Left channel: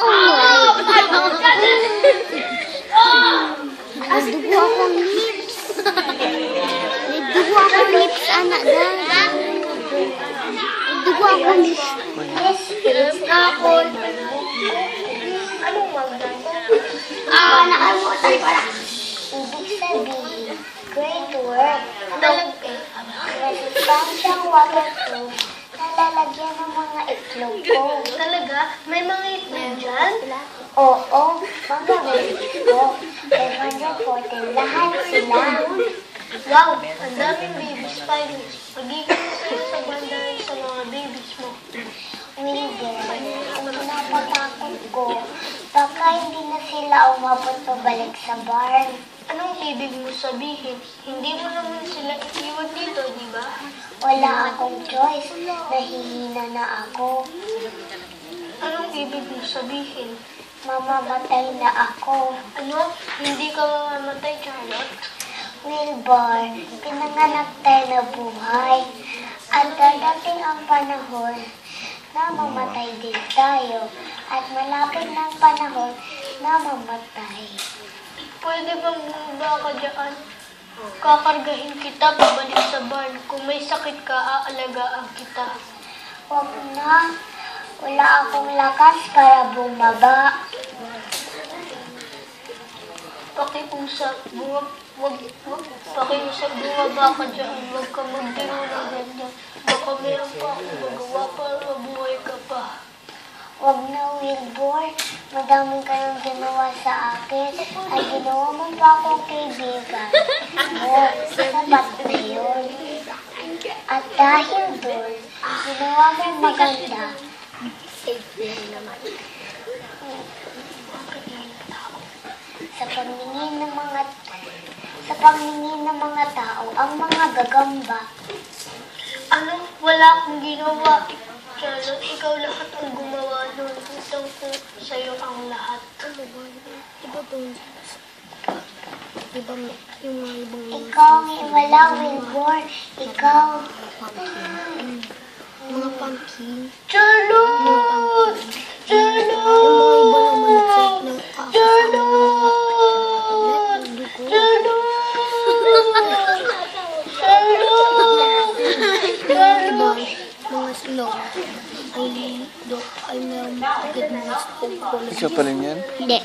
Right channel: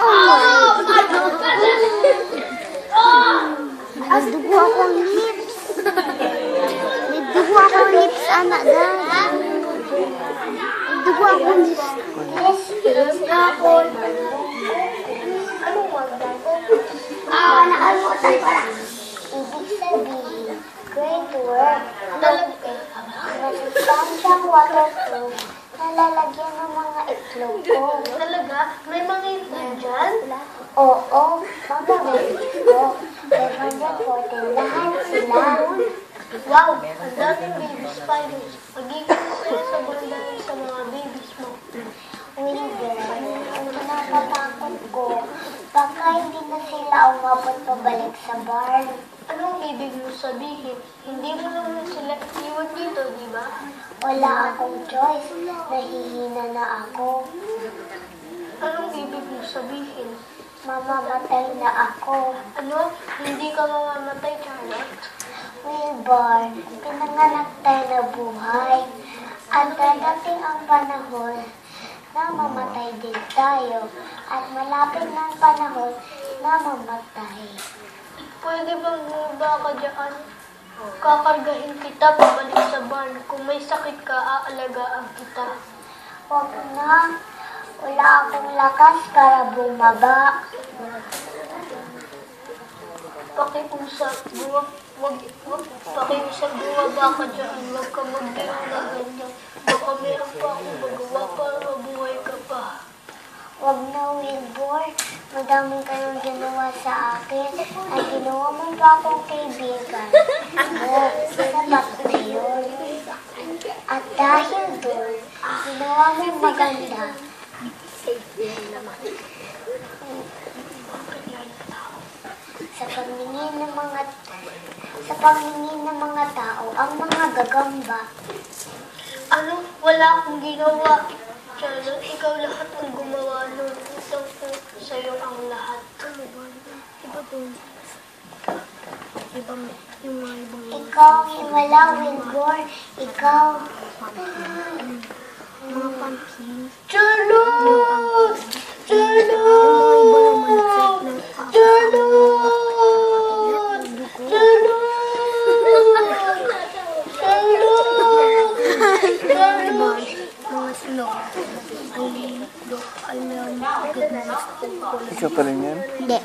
Oh my God! Nagdugo akong lips. Nagdugo akong lips, anak dad. Nagdugo akong lips. Nakalimutan ko na. Ibig sabihin, great work. Sustansyang waterproof na lalagyan ng mga itlog ko. Talaga? May mga itlog dyan? Oo, mga itlog. Pero maputin lahat sila. Wow, ang daming baby spiders. Magiging sa bandahan sa mga babies mo. Wilbur, ang napatakot ko, baka hindi na sila umabot pabalik sa barn. Anong ibig mo sabihin? Hindi mo naman sila iiwan dito, di ba? Wala akong choice. Nahihina na ako. Anong ibig mo sabihin? Mamamatay na ako. Ano? Hindi ka mamamatay, Charlotte? Wilbur, pinanganak tayo na buhay. At dadating ang panahon na mamatay din tayo. At malapit na ang panahon na mamatay. Pwede bang ba ka dyan? Kakargahin kita pabalik sa barn. Kung may sakit ka, aalagaan kita. Huwag na. Wala akong lakas para bumaba. Pakiusap, pakiusap, bumaba ka dyan. Huwag ka magdingo na ganyan. Baka meron pa ako magawa para mabuhay ka pa. Huwag na, Wilbur. Madaming kayong ginawa sa akin. At ginawa mo pa akong kaibigan. Sapat na yun. At dahil doon, ginawa mo maganda. Sa pamingin ng mga tao, ang mga gagamba. Ano? Wala akong ginawa. Charlotte, ikaw lahat ang gumawa ng utang ko sa'yo ang lahat. Iba to. Ibang Ikaw ay wala, Wilbur. Ikaw. mga pumpkin. Charlotte! Mga snow. Ay na agad na. Ikaw pa rin yan? Hindi.